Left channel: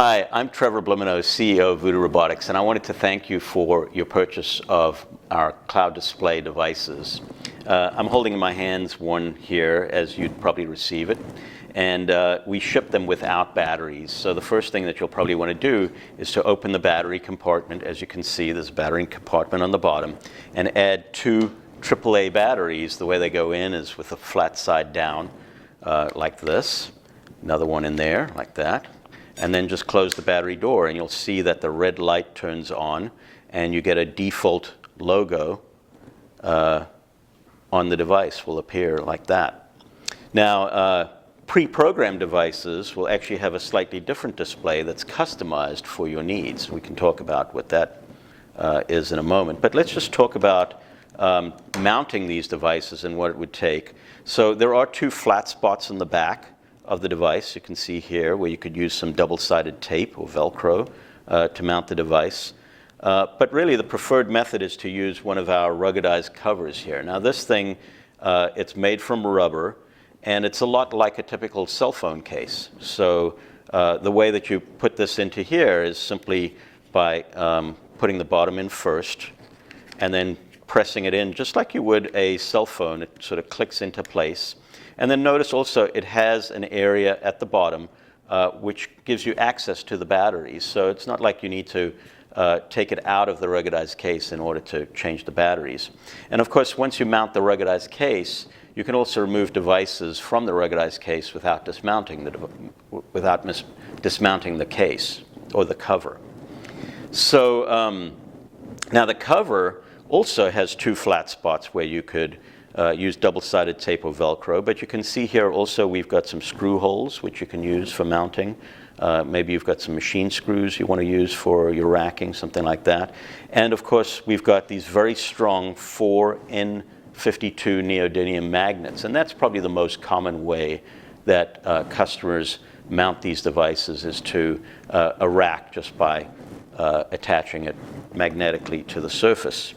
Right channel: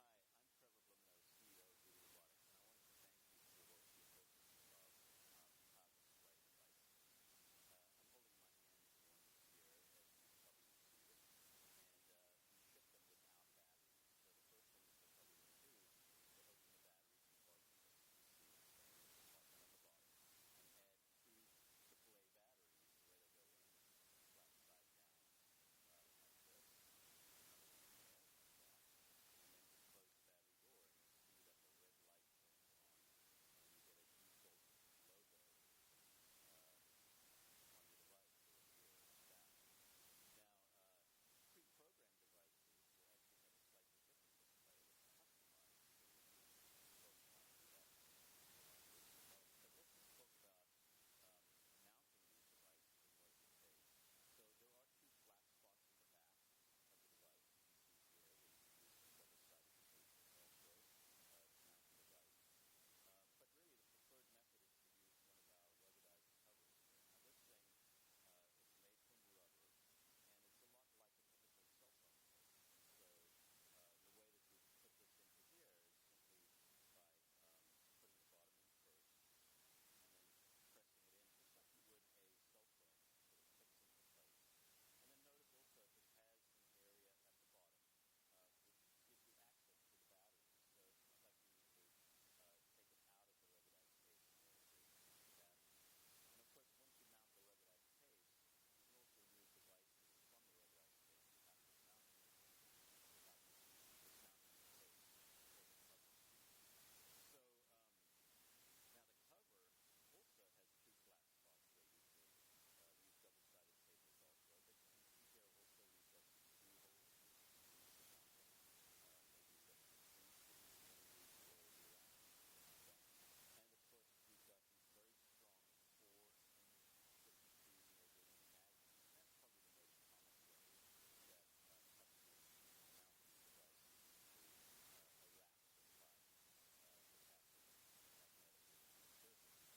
Hi, I'm Trevor Blumenau, CEO of Voodoo Robotics, and I wanted to thank you for your purchase of our cloud display devices. I'm holding in my hands one here, as you'd probably receive it, and we ship them without batteries. So the first thing that you'll probably want to do is to open the battery compartment. As you can see, there's a battery compartment on the bottom, and add two AAA batteries. The way they go in is with a flat side down, like this. Another one in there, like that. And then just close the battery door, and you'll see that the red light turns on, and you get a default logo on the device will appear like that. Now, pre-programmed devices will actually have a slightly different display that's customized for your needs. We can talk about what that is in a moment. But let's just talk about mounting these devices and what it would take. So there are two flat spots in the back of the device. You can see here where you could use some double-sided tape or Velcro to mount the device. But really the preferred method is to use one of our ruggedized covers here. Now this thing, it's made from rubber, and it's a lot like a typical cell phone case. So the way that you put this into here is simply by putting the bottom in first and then pressing it in just like you would a cell phone. It sort of clicks into place. And then notice also it has an area at the bottom which gives you access to the batteries. So it's not like you need to take it out of the ruggedized case in order to change the batteries. And of course, once you mount the ruggedized case, you can also remove devices from the ruggedized case without dismounting the case or the cover. So now the cover also has two flat spots where you could use double-sided tape or Velcro, but you can see here also we've got some screw holes which you can use for mounting. Maybe you've got some machine screws you want to use for your racking, something like that. And of course, we've got these very strong 4N52 neodymium magnets, and that's probably the most common way that customers mount these devices is to a rack just by attaching it magnetically to the surface.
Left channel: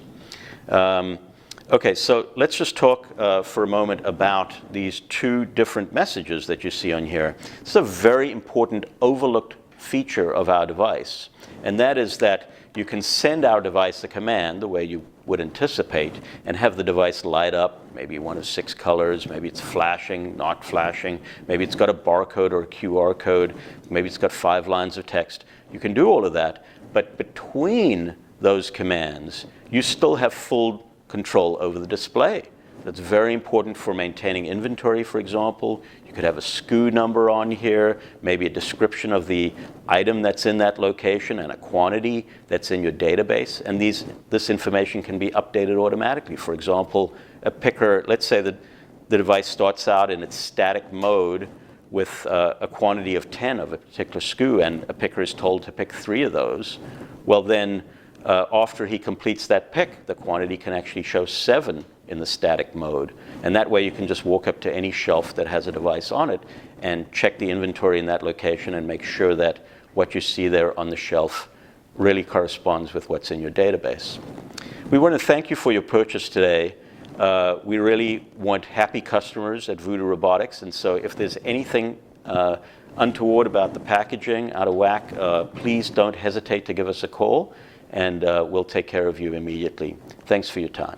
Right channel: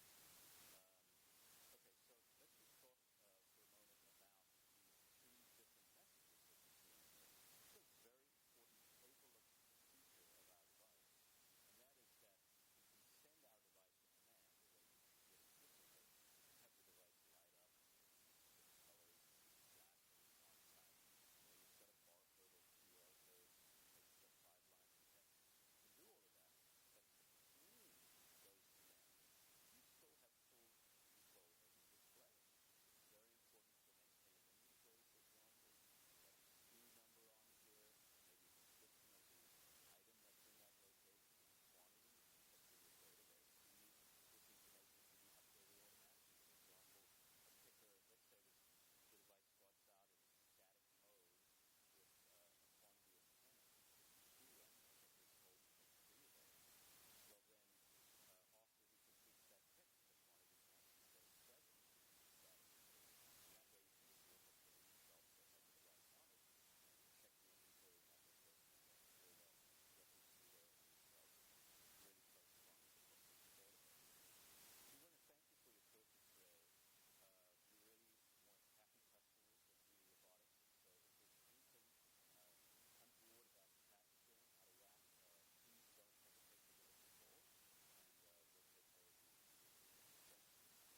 Okay, so let's just talk for a moment about these two different messages that you see on here. It's a very important overlooked feature of our device, and that is that you can send our device a command the way you would anticipate and have the device light up, maybe one of 6 colors, maybe it's flashing, not flashing, maybe it's got a barcode or a QR code, maybe it's got 5 lines of text. You can do all of that, but between those commands, you still have full control over the display. That's very important for maintaining inventory, for example. You could have a SKU number on here, maybe a description of the item that's in that location and a quantity that's in your database. And this information can be updated automatically. For example, a picker, let's say that the device starts out in its static mode with a quantity of 10 of a particular SKU, and a picker is told to pick 3 of those. Well then, after he completes that pick, the quantity can actually show 7 in the static mode. And that way you can just walk up to any shelf that has a device on it and check the inventory in that location and make sure that what you see there on the shelf really corresponds with what's in your database. We want to thank you for your purchase today. We really want happy customers at Voodoo Robotics, and so if there's anything untoward about the packaging, out of whack, please don't hesitate to give us a call, and we'll take care of you immediately. Thanks for your time.